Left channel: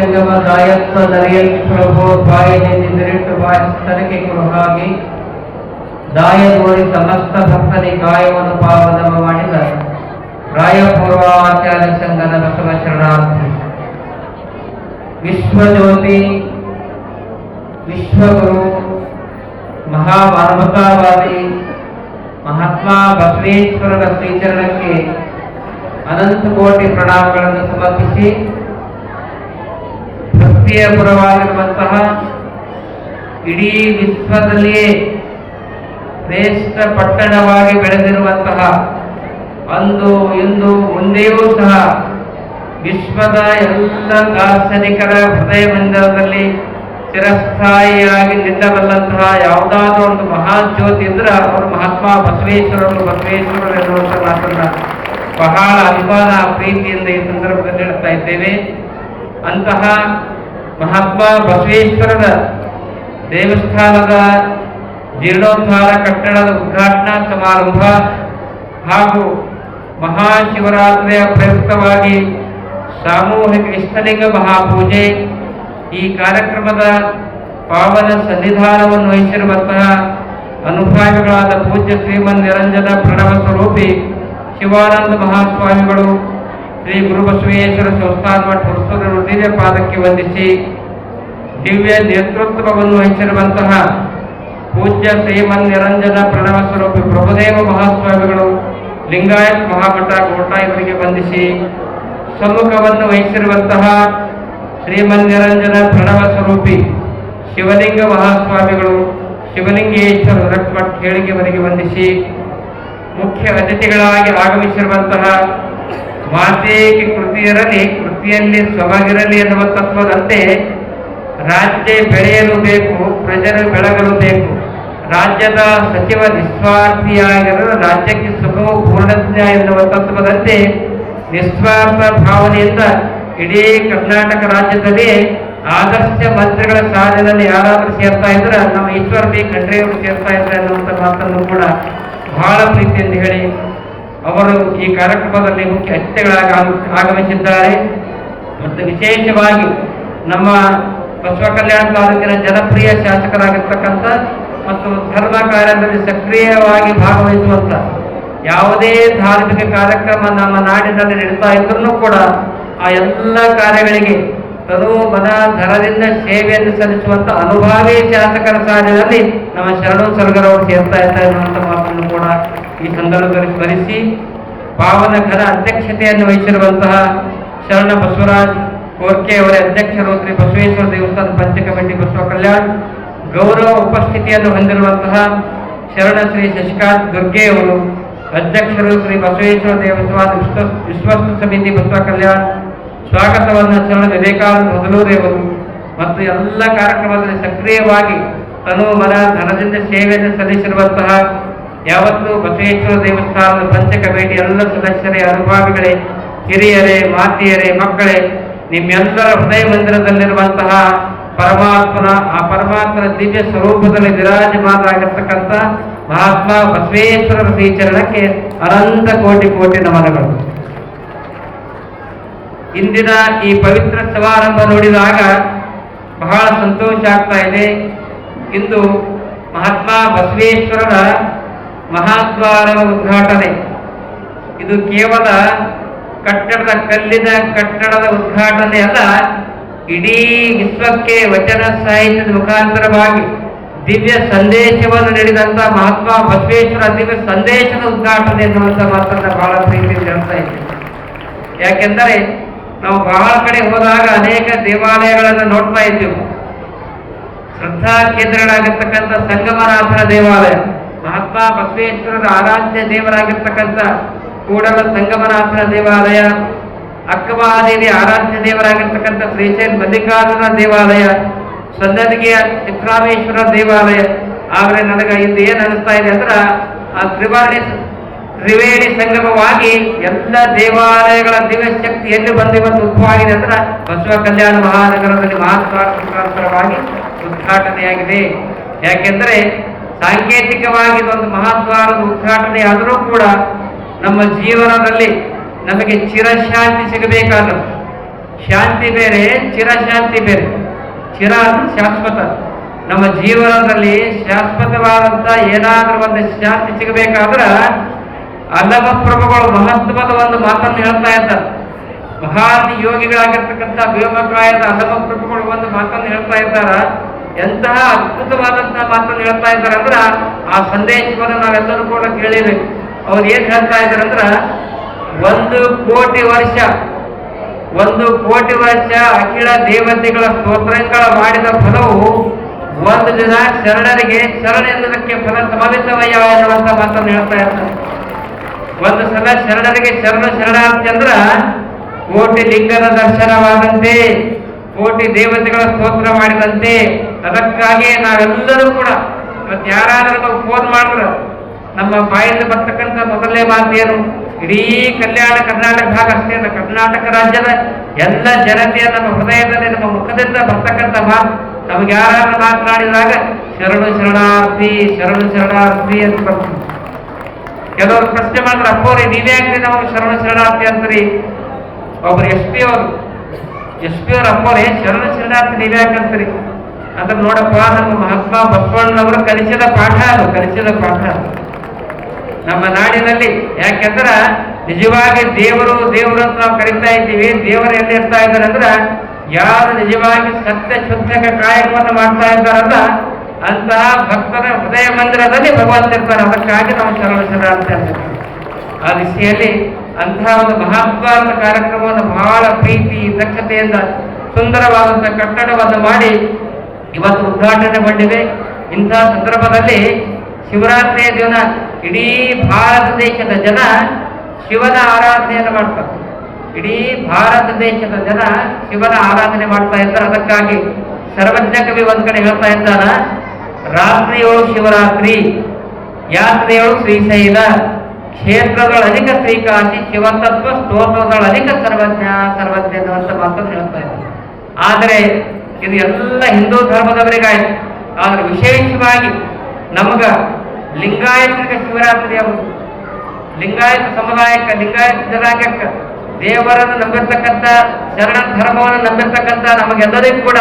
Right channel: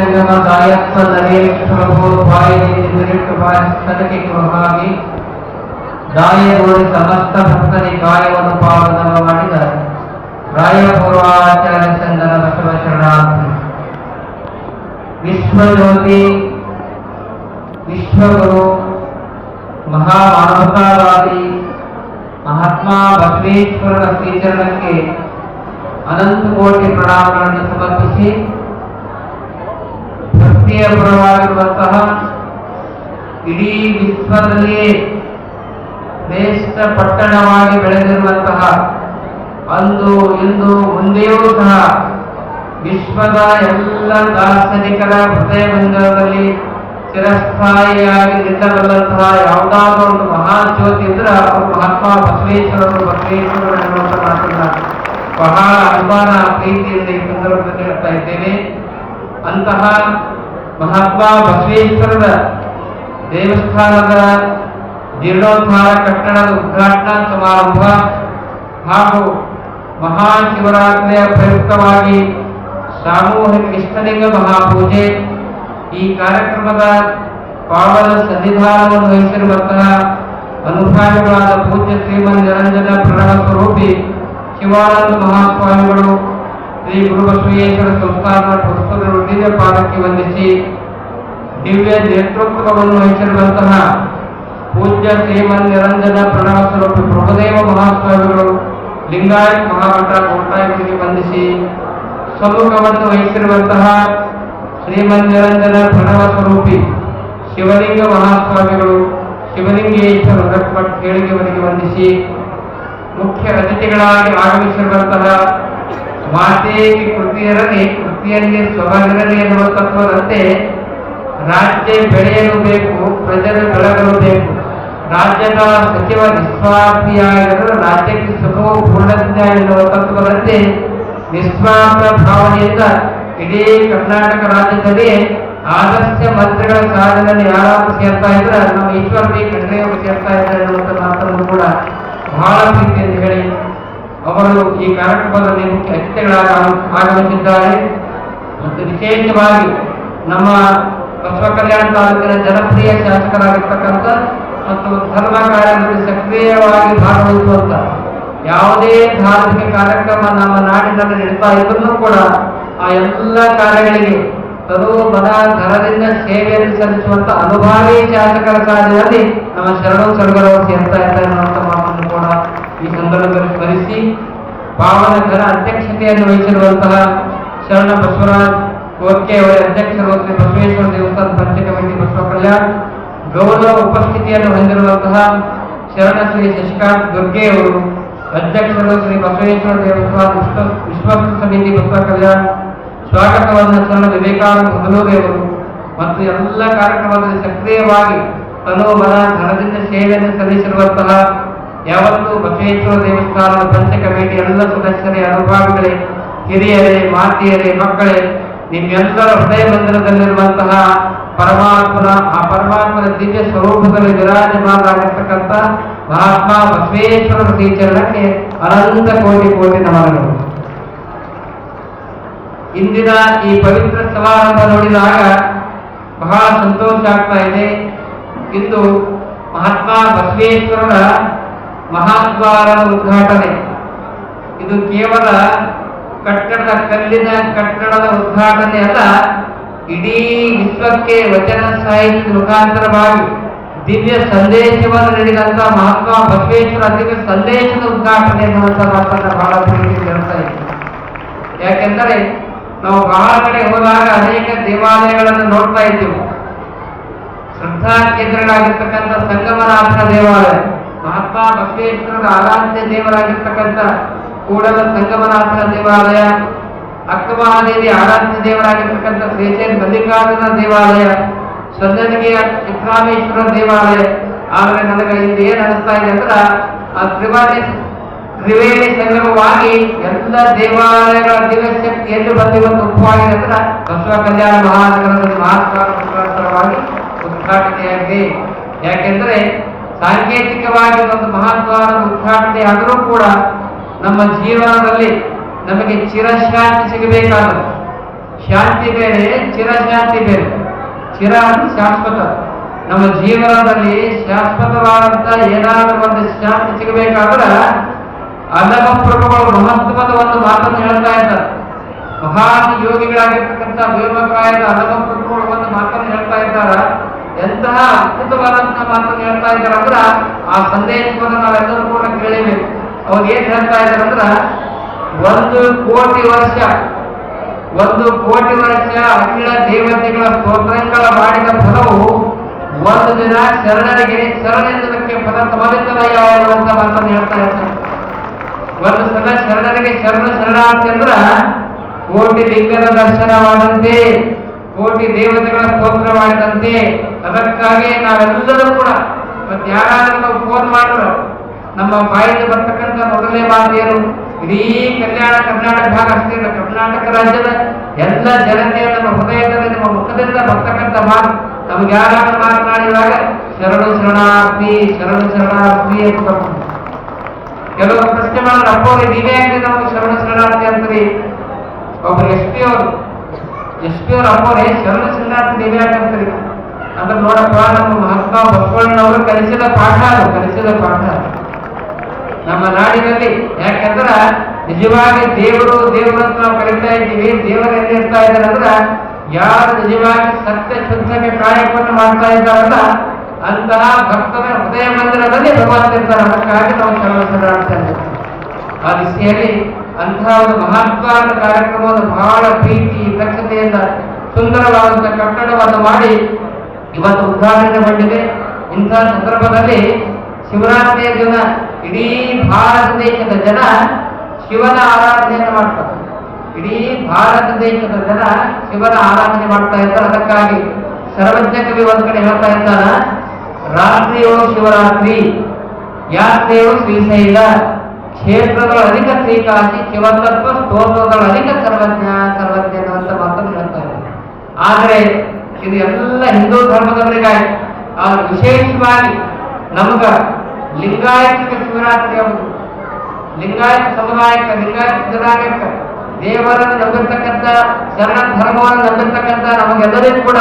ಜಂಗಮ ದಾಯತ್ವ ನರಿಯಲ್ ಪ್ರಭು ಬಾಯಿನಿಂದ ಬಿರಿಟ್ಟು ಬಾಯಿಸ್ತನಕ್ಕೆ ಹಾಗೆ ದಾಯಗೂಡಿ ಸಮಸ್ತ ಭಕ್ತರಿ ಗಾಯವನ್ನು ಪಾವನ ಮಾಡಿದ ರಾಯಪೂರ್ವಾಚಾರ್ಯ ಸಂಘದ ಬಸವ ಶರಣಾರ್ಥಿ. ವಿಶ್ವಜ್ಯೋತಿ, ವಿಶ್ವಗುರು, ಮಹಾಮಾನವತಾವಾದಿ, ಮಹಾತ್ಮ ಬಸವೇಶ್ವರರ ಶ್ರೀಚರಣಕ್ಕೆ ಅನಂತ ಕೋಟಿ ಪ್ರಣಾಮಗಳನ್ನು ಸಮರ್ಪಿಸಿ ಭಕ್ತಿಯ ಪರವಾಗಿರುವಂತಹ ಇಡೀ ವಿಶ್ವದಲ್ಲಿಯೇ ಶ್ರೇಷ್ಠ ಪಟ್ಟಣವಾಗಿ ಬೆಳೆದಿರುವಂತಹ ಅಂದು ಇಂದು ಮುಂದೆಯೂ ಸಹ ವಿಶ್ವದ ಎಲ್ಲ ದಾರ್ಶನಿಕರ ಹೃದಯ ಮಂದಿರದಲ್ಲಿ ಚಿರಸ್ಥಾಯಿಯಾಗಿ ನಿಲ್ಲಬಲ್ಲಂತಹ ಯಾವುದಾದ್ರೂ ಒಂದು ಮಹಾಜ್ಯೋತಿ ಇದ್ರೆ ಅವರು ಮಹಾತ್ಮ ಬಸವೇಶ್ವರರು ಬಸವೇಶ್ವರರು ಎನ್ನುವಂಥ ಮಾತನ್ನ ಬಹಳ ಅಭಿಮಾನ, ಪ್ರೀತಿಯಿಂದ ಈ ಸಂದರ್ಭದಲ್ಲಿ ಹೇಳ್ತಾ ಇದ್ದೇವೆ. ಅಂತಹ ಮಹಾತ್ಮ ಬಸವೇಶ್ವರದ ದೇವಸ್ಥಾನದ ಜೀರ್ಣೋದ್ಧಾರ ಕಟ್ಟಡದ ಉದ್ಘಾಟನಾ ಸಮಾರಂಭ ಹಾಗೂ ಮಹಾಶಿವರಾತ್ರಿಯ ಪ್ರಯುಕ್ತವಾಗಿ ಸಾಮೂಹಿಕ ಇಷ್ಟಲಿಂಗ ಮಹಾಪೂಜೆ ಈ ಕಾರ್ಯಕ್ರಮದ ಪಾವನ ಸನ್ನಿಧಾನವನ್ನು ವಹಿಸಿರುವಂತಹ ಅನುಭಾವಿಗಳಾದ ಪೂಜ್ಯ ಶ್ರೀಮನ್ ನಿರಂಜನ ಪ್ರಣವ ಸ್ವರೂಪಿ ಶಿವಾನಂದ ಮಹಾಸ್ವಾಮಿಗಳು ಶ್ರೀ ಗುರು ಬಸವೇಶ್ವರ ಸಂಸ್ಥಾನ ಮಠ ದಿವ್ಯ ಪಾದಕ್ಕೆ ವಂದಿಸಿ ದಿವ್ಯ ನೇತೃತ್ವವನ್ನು ವಹಿಸಿರುವಂತಹ ಪೂಜ್ಯ ಶ್ರೀಮನ್ ನಿರಂಜನ ಪ್ರಣವ ಸ್ವರೂಪಿ ಪ್ರಭುದೇವ ಮಹಾಸ್ವಾಮಿಗಳು ಲಿಂಗಾಯತ್ ಮಹಾಮಠ ಕೋಟ ಇವರಿಗೆ ವಂದಿಸಿ ಸಮ್ಮುಖವನ್ನು ವಹಿಸಿರುವಂತಹ ಶ್ರೀಮನ್ ನಿರಂಜನ ಪ್ರಣವ ಸ್ವರೂಪಿ ಶಿವಲಿಂಗ ಮಹಾಸ್ವಾಮಿಗಳು ಶಿವಲಿಂಗೇಶ್ವರ ರಕ್ಮಠ್ ಹೇಳಿಕೆಯವರಿಗೆ ವಂದಿಸಿ ಮುಖ್ಯ ಅತಿಥಿಗಳಾಗಿ ಆಗಮಿಸಿರುವಂತಹ ಮಾತೇಗೆ ಕೃತಿಯರಲಿ ಕೃತಿಯಲ್ಲಿ ಸೊಬಗಿರಲಿ ಎನ್ನುವ ತತ್ವದಂತೆ ರಾಜ್ಯ ಬೆಳೆಯಲು ಬೇಕು ಪ್ರಜರು ಬೆಳಗಲು ಬೇಕು. ರಾಜ್ಯದ ಸಚಿವ ನಿಸ್ವಾರ್ಥಿಯಾಗಿರಲು ರಾಜ್ಯಕ್ಕೆ ಸುಖವು ಪೂರ್ಣಜ್ಞ ಎನ್ನುವ ತತ್ವದಂತೆ ನಿಸ್ವಾರ್ಥ ಭಾವನೆಯಿಂದ ಇಡೀ ಕರ್ನಾಟಕ ರಾಜ್ಯದಲ್ಲಿ ಆದರ್ಶ ಮಂತ್ರಿಗಳ ಸಾಲಿನಲ್ಲಿ ಯಾರಾದರೂ ಸೇರ್ತಾ ಇದ್ರೆ, ನಮ್ಮ ಈಶ್ವರ ಬಿ ಖಂಡ್ರೆಯವರು ಸೇರ್ತಾ ಇದ್ರೆ ಅನ್ನುವಂಥ ಮಾತನ್ನು ಕೂಡ ಬಹಳ ಪ್ರೀತಿಯಿಂದ ಹೇಳಿ ಅವರು ಈ ಕಾರ್ಯಕ್ರಮದಲ್ಲಿ ಮುಖ್ಯ ಅತಿಥಿಗಳಾಗಿ ಆಗಮಿಸಿದ್ದಾರೆ. ಮತ್ತು ವಿಶೇಷವಾಗಿ ನಮ್ಮ ಬಸವ ಕಲ್ಯಾಣ ತಾಲೂಕಿನ ಜನಪ್ರಿಯ ಶಾಸಕರಾಗಿರ್ತಕ್ಕಂಥ ಮತ್ತು ಧರ್ಮ ಕಾರ್ಯದಲ್ಲಿ ಸಕ್ರಿಯವಾಗಿ ಭಾಗವಹಿಸುವಂತ ಯಾವುದೇ ಧಾರ್ಮಿಕ ಕಾರ್ಯಕ್ರಮ ನಮ್ಮ ನಾಡಿನಲ್ಲಿ ನಡೀತಾ ಇದ್ರೂ ಕೂಡ ಆ ಎಲ್ಲ ಕಾರ್ಯಗಳಿಗೆ ತನು ಮನ ಧನದಿಂದ ಸೇವೆಯನ್ನು ಸಲ್ಲಿಸುವಂತ ಅನುಭಾವಿ ಶಾಸಕರ ಕಾರ್ಯದಲ್ಲಿ ನಮ್ಮ ಶರಣು ಸರ್ಗರವರು ಸೇರ್ತಾ ಇದ್ದಾರೆ. ಈ ಸಂದರ್ಭದಲ್ಲಿ ಸ್ಮರಿಸಿ ಪಾವನ ಘನ ಅಧ್ಯಕ್ಷತೆಯನ್ನು ವಹಿಸಿರುವಂತಹ ಶರಣ ಬಸವರಾಜ್ ಕೋರ್ಕೆ ಅವರ ಅಧ್ಯಕ್ಷರು ಶ್ರೀ ಬಸವೇಶ್ವರ ದೇವಸ್ಥಾನ ಪಂಚ ಕಮಿಟಿ ಬಸವ ಕಲ್ಯಾಣ್, ಗೌರವ ಉಪಸ್ಥಿತಿಯನ್ನು ಹೊಂದಿರುವಂತಹ ಶರಣ ಶ್ರೀ ಶಶಿಕಾಂತ್ ದುರ್ಗೆ ಅವರು, ಅಧ್ಯಕ್ಷರು ಶ್ರೀ ಬಸವೇಶ್ವರ ದೇವಸ್ಥಾನ ವಿಶ್ವ ವಿಶ್ವಸ್ತ ಸಮಿತಿ ಬಸವ ಕಲ್ಯಾಣ್, ಸ್ವಾಗತವನ್ನು ಶರಣ ವಿವೇಕಾನಂದ ಮೊದಲೂರೇವರು ಮತ್ತು ಎಲ್ಲ ಕಾರ್ಯಕ್ರಮದಲ್ಲಿ ಸಕ್ರಿಯವಾಗಿ ತನು ಮನ ಧನದಿಂದ ಸೇವೆಯನ್ನು ಸಲ್ಲಿಸಿರುವಂತಹ ಯಾವತ್ತೂ ಬಸವೇಶ್ವರ ದೇವಸ್ಥಾನದ ಪಂಚ ಭೇಟಿ ಎಲ್ಲ ಸದಸ್ಯರೇ, ಅನುಭಾವಿಗಳೇ, ಹಿರಿಯರೇ, ಮಾತಿಯರೇ, ಮಕ್ಕಳೇ, ನಿಮ್ಮೆಲ್ಲರ ಹೃದಯ ಮಂದಿರದಲ್ಲಿರುವಂತಹ ಪರಮಾತ್ಮನ, ಆ ಪರಮಾತ್ಮನ ದಿವ್ಯ ಸ್ವರೂಪದಲ್ಲಿ ವಿರಾಜಮಾನರಾಗಿರ್ತಕ್ಕಂಥ ಮಹಾತ್ಮ ಬಸವೇಶ್ವರರ ಶ್ರೀಚರಣಕ್ಕೆ ಅನಂತ ಕೋಟಿ ಕೋಟಿ ನಮನಗಳು. ಇಂದಿನ ಈ ಪವಿತ್ರ ಸಮಾರಂಭ ನೋಡಿದಾಗ ಬಹಳ ಸಂತೋಷ ಆಗ್ತಾ ಇದೆ. ಇಂದು ಮಹಾತ್ಮ ಬಸವೇಶ್ವರರ ಮಹಾದ್ವಾರದ ಉದ್ಘಾಟನೆ. ಇದು ಕೇವಲ ಕಟ್ಟಡದ ಕಲ್ಲಿನ ಕಟ್ಟಡದ ಉದ್ಘಾಟನೆ ಅಲ್ಲ, ಇಡೀ ವಿಶ್ವಕ್ಕೆ ವಚನ ಸಾಹಿತ್ಯದ ಮುಖಾಂತರವಾಗಿ ದಿವ್ಯ ಸಂದೇಶವನ್ನು ನೀಡಿದಂತ ಮಹಾತ್ಮ ಬಸವೇಶ್ವರ ದಿವ್ಯ ಸಂದೇಶದ ಉದ್ಘಾಟನೆ ಎನ್ನುವಂಥ ಮಾತನ್ನ ಬಹಳ ಪ್ರೀತಿ ಹೇಳ್ತಾ ಇದ್ದೀವಿ ಯಾಕೆಂದರೆ, ನಾವು ಬಹಳ ಕಡೆ ಹೋದಾಗ ಅನೇಕ ದೇವಾಲಯಗಳನ್ನು ನೋಡ್ತಾ ಇದ್ದೀವಿ. ಶ್ರದ್ಧಾ ಕೇಂದ್ರಗಳಾಗಿರ್ತಕ್ಕಂಥ ಸಂಗಮನಾಥನ ದೇವಾಲಯ. ಮಹಾತ್ಮ ಬಸವೇಶ್ವರರ ಆರಾಧ್ಯ ದೇವರಾಗಿರ್ತಕ್ಕಂಥ ಕೂಡಲ ಸಂಗಮನಾಥನ ದೇವಾಲಯ, ಅಕ್ಕಮಹಾದೇವಿ ಆರಾಧ್ಯ ದೇವರಾಗಿರ್ತಕ್ಕಂಥ ಶ್ರೀಚೈನ್ ಮಲ್ಲಿಕಾರ್ಜುನ ದೇವಾಲಯ ಸನ್ನದಿಗೆಯ ಚಿತ್ರಾಮೇಶ್ವರ ದೇವಾಲಯ. ಆದರೆ ನನಗೆ ಇದು ಏನು ಅನಿಸ್ತಾ ಇದೆ ಅಂದ್ರೆ ಆ ತ್ರಿವಾಣಿ ತ್ರಿವೇಣಿ ಸಂಗಮವಾಗಿ ಎಲ್ಲ ದೇವಾಲಯಗಳ ದಿವ್ಯ ಶಕ್ತಿ ಎಲ್ಲಿ ಒಂದು ಉಪವಾಗಿದೆ ಅಂದ್ರೆ ಬಸವ ಕಲ್ಯಾಣ ಮಹಾನಗರದಲ್ಲಿ ಮಹಾತ್ಮ ಉದ್ಘಾಟನೆಯಾಗಿದೆ. ಯಾಕೆಂದ್ರೆ ಸಾಂಕೇತಿಕವಾಗಿ ಇದೊಂದು ಮಹಾದ್ವಾರದ ಉದ್ಘಾಟನೆ ಆದರೂ ಕೂಡ ನಮ್ಮ ಜೀವನದಲ್ಲಿ ನಮಗೆ ಚಿರಶಾಂತಿ ಸಿಗಬೇಕಾದ ಶಾಂತಿ ಬೇರೆ, ಚಿರಶಾಂತಿ ಬೇರೆ. ಚಿರ ಅಂದ್ರೆ ಶಾಶ್ವತ. ನಮ್ಮ ಜೀವನದಲ್ಲಿ ಶಾಶ್ವತವಾದಂತ ಏನಾದರೂ ಒಂದು ಶಾಂತಿ ಸಿಗಬೇಕಾದ್ರೆ ಅಲ್ಲಮ ಪ್ರಭುಗಳು ಮಹತ್ವದ ಒಂದು ಮಾತನ್ನು ಹೇಳ್ತಾ ಇದ್ದಾರೆ ಮಹಾನ್ ಯೋಗಿಗಳಾಗಿರ್ತಕ್ಕಂಥ ವ್ಯೋಮಕಾಯದ ಅಲ್ಲಮ ಪ್ರಭುಗಳು ಒಂದು ಮಾತನ್ನು ಹೇಳ್ತಾ ಇದ್ದಾರ ಎಂತಹ ಅದ್ಭುತವಾದಂತಹ ಮಾತನ್ನು ಹೇಳ್ತಾ ಇದ್ದಾರೆ ಅಂದ್ರ ಆ ಸಂದೇಶವನ್ನು ನಾವೆಲ್ಲರೂ ಕೂಡ ಕೇಳಿಬೇಕು. ಅವ್ರು ಏನ್ ಹೇಳ್ತಾ ಇದ್ದಾರೆ ಅಂದ್ರ ಒಂದು ಕೋಟಿ ವರ್ಷ, ಒಂದು ಕೋಟಿ ವರ್ಷ ಅಖಿಲ ದೇವತೆಗಳ ಸ್ತೋತ್ರಗಳ ಮಾಡಿದ ಫಲವು ಒಂದು ದಿನ ಶರಣರಿಗೆ ಶರಣೆಂದಕ್ಕೆ ಫಲ ಸಮವಿತವಯ್ಯ ಅನ್ನುವಂತ ಮಾತನ್ನು ಹೇಳ್ತಾ ಇರ್ತಾರೆ ಒಂದು ಸಲ ಶರಣರಿಗೆ ಶರಣ ಶರಣ ಅಂದ್ರ ಕೋಟಿ ಲಿಂಗದ ದರ್ಶನವಾದಂತೆ ಕೋಟಿ ದೇವತೆಗಳ ಸ್ತೋತ್ರ ಮಾಡಿದಂತೆ ಅದಕ್ಕಾಗಿ ನಾವೆಲ್ಲರೂ ಕೂಡ ಇವತ್ತು ಯಾರಾದರೂ ನಾವು ಫೋನ್ ಮಾಡಿದ್ರ ನಮ್ಮ ಬಾಯಿಂದ ಬರ್ತಕ್ಕಂಥ ಮೊದಲನೇ ಮಾತು ಏನು? ಇಡೀ ಕಲ್ಯಾಣ ಕರ್ನಾಟಕ ಭಾಗ ಅಷ್ಟೇ ಕರ್ನಾಟಕ ರಾಜ್ಯದ ಎಲ್ಲ ಜನತೆಯ ನಮ್ಮ ಹೃದಯದಲ್ಲಿ, ನಮ್ಮ ಮುಖದಿಂದ ಬರ್ತಕ್ಕಂಥ ಮಾತು ನಮ್ಗೆ ಯಾರಾದ್ರೂ ಮಾತನಾಡಿದಾಗ ಶರಣು ಶರಣಾರ್ಥಿ ಶರಣು ಶರಣಾರ್ಥಿ ಅಂತ ಬರ್ತದೆ ಕೆಲವರು ಪ್ರಶ್ನೆ ಮಾಡಿದ್ರೆ ಅಪ್ಪವ್ರಿ ನೀವೇ ಯಾಕ್ರಿ ನಮಗೆ ಶರಣ ಶರಣಾರ್ಥಿ ಅಂದ್ರಿ ಒಬ್ರು ಎಸ್ ಪಿ ಅವರು ಎಸ್ ಪಿ ಅವ್ರ ಅಪ್ಪವ್ರೆ ಶರಣ ಶರಣಾರ್ಥಿ ನೀವೇ ಯಾಕಂತೀರಿ ಅಂದ್ರೆ ನೋಡಪ್ಪ, ನಮ್ಮ ಮಹಾತ್ಮ ಬಸವಣ್ಣನವರು ಕಲಿಸಿದ ಪಾಠ ಅದು, ಕಲಿಸಿದ ಪಾಠ ನಮ್ಮ ನಾಡಿನಲ್ಲಿ, ಯಾಕೆಂದ್ರೆ ನಿಜವಾಗಿ ದೇವರು ದೇವರು ಅಂತ ನಾವು ಕರಿತಾ ಇದ್ದೀವಿ, ದೇವರ ಎಲ್ಲಿ ಇರ್ತಾ ಇದ್ದಾರೆ ಅಂದ್ರ ಯಾರು ನಿಜವಾಗಿ ಸತ್ಯ ಶುದ್ಧಕ ಕಾಯಕವನ್ನು ಮಾಡ್ತಾ ಇದ್ದಾರಲ್ಲ ಅಂತಹ ಭಕ್ತರ ಹೃದಯ ಮಂದಿರದಲ್ಲಿ ಭಗವಂತ ಇರ್ತಾರೆ. ಅದಕ್ಕಾಗಿ ನಾವು ಶರಣ ಶರಣಾರ್ಥಿ ಅಂತೀವಿ ಆ ದಿಸೆಯಲ್ಲಿ ಅಂತಹ ಒಂದು ಮಹತ್ವದ ಕಾರ್ಯಕ್ರಮವನ್ನು ಬಹಳ ಪ್ರೀತಿ ದಕ್ಷತೆಯಿಂದ ಸುಂದರವಾದಂತಹ ಕಟ್ಟಡವನ್ನು ಮಾಡಿ ಇವತ್ತು ಉದ್ಘಾಟನೆ ಮಾಡಿದೆ. ಇಂತಹ ಸಂದರ್ಭದಲ್ಲಿ ಶಿವರಾತ್ರಿಯ ದಿನ ಇಡೀ ಭಾರತ ದೇಶದ ಜನ ಶಿವನ ಆರಾಧನೆಯನ್ನು ಮಾಡ್ತಾರೆ. ಇಡೀ ಭಾರತ ದೇಶದ ಜನ ಶಿವನ ಆರಾಧನೆ ಮಾಡ್ತಾ ಇದ್ದಾರೆ ಅದಕ್ಕಾಗಿ ಸರ್ವಜ್ಞ ಕವಿ ಒಂದ್ ಕಡೆ ಹೇಳ್ತಾ ಇದ್ದಾನ ರಾತ್ರಿಯೊಳು ಶಿವರಾತ್ರಿ ಯಾತ್ರೆಯೊಳು ಶ್ರೀಶೈಲ ಕ್ಷೇತ್ರಗಳ ಅಧಿಕ ಶ್ರೀಕಾಂತಿ ಶಿವತತ್ವ ಸ್ತೋತ್ರಗಳ ಅಧಿಕ ಸರ್ವಜ್ಞ ಸರ್ವಜ್ಞ ಅಂತ ಮಾತನ್ನು ಹೇಳ್ತಾ ಇದ್ದಾರೆ. ಆದರೆ ಇದು ಎಲ್ಲ ಹಿಂದೂ ಧರ್ಮದವರಿಗಾಯ್ತು ಆದ್ರೆ ವಿಶೇಷವಾಗಿ ನಮಗ ಲಿಂಗಾಯತಿಕ ಶಿವರಾತ್ರಿ ಎಂಬುದು ಲಿಂಗಾಯತ ಸಮುದಾಯಕ್ಕೆ, ಲಿಂಗಾಯತ ಜನಾಂಗಕ್ಕೆ ದೇವರನ್ನು ನಂಬಿರ್ತಕ್ಕಂಥ ಶರಣ ಧರ್ಮವನ್ನು ನಂಬಿರ್ತಕ್ಕಂಥ ನಮಗೆಲ್ಲರಿಗೂ ಕೂಡ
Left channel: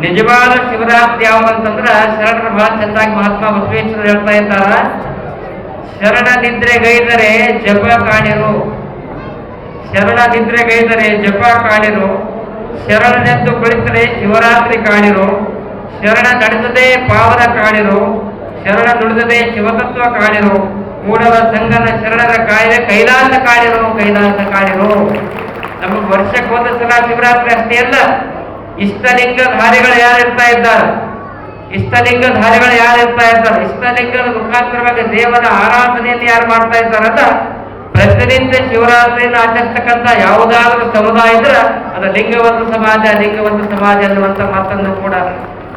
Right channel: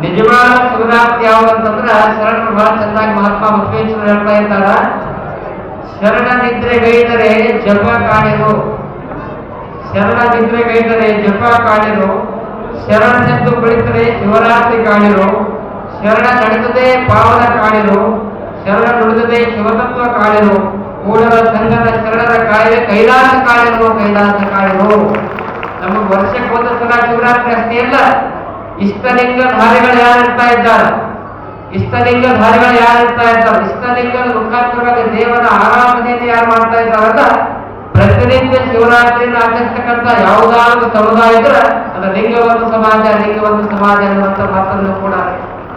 ನಿಜವಾದ ಶಿವರಾತ್ರಿ ಅಂತಂದ್ರೆ ಶರಣರು ಬಹಳ ಚೆನ್ನಾಗಿ ಮಹಾತ್ಮ ಬಸವೇಶ್ವರ ಹೇಳ್ತಾ ಇದ್ದಾರ ಶರಣ ನಿದ್ರೆಗೈದರೆ ಜಪ ಕಾಣಿರು. ಶರಣ ನಿದ್ರೆಗೈದರೆ ಜಪ ಕಾಣಿರು. ಶರಣನೆಂದು ಕುಳಿತರೆ ಶಿವರಾತ್ರಿ ಕಾಣಿರು. ಶರಣ ನಡೆದದೇ ಪಾವನ ಕಾಣಿರು. ಶರಣ ನುಡಿದದೇ ಶಿವತತ್ವ ಕಾಣಿರು. ಮೂಡಲ ಸಂಘದ ಶರಣರ ಕಾಯಿದೆ ಕೈಲಾಸ ಕಾಣಿರು ಕೈಲಾಸ ಕಾಣಿರು. ನಮಗೆ ವರ್ಷಕ್ಕೆ ಒಂದು ಸಲ ಶಿವರಾತ್ರಿ ಅಷ್ಟೇ ಅಲ್ಲ, ಇಷ್ಟಲಿಂಗ ಧಾರಿಗಳು ಯಾರು ಇರ್ತಾ ಇದ್ದಾರೆ? ಇಷ್ಟಲಿಂಗ ಧಾರಿಗಳು ಯಾರು ಇರ್ತಾ ಇರ್ತಾರೆ ಇಷ್ಟಲಿಂಗದ ಮುಖಾಂತರವಾಗಿ ದೇವರ ಆರಾಧನೆಯನ್ನು ಯಾರು ಮಾಡ್ತಾ ಇದ್ದಾರಲ್ಲ ಪ್ರತಿನಿತ್ಯ ಶಿವರಾತ್ರಿಯನ್ನು ಆಚರಿಸ್ತಕ್ಕಂಥ ಯಾವುದಾದ್ರೂ ಸಮುದಾಯ ಇದ್ರೆ ಅದು ಲಿಂಗವಂತ ಸಮಾಜ ಲಿಂಗವಂತ ಸಮಾಜ ಅನ್ನುವಂಥ ಮಾತನ್ನು ಕೂಡ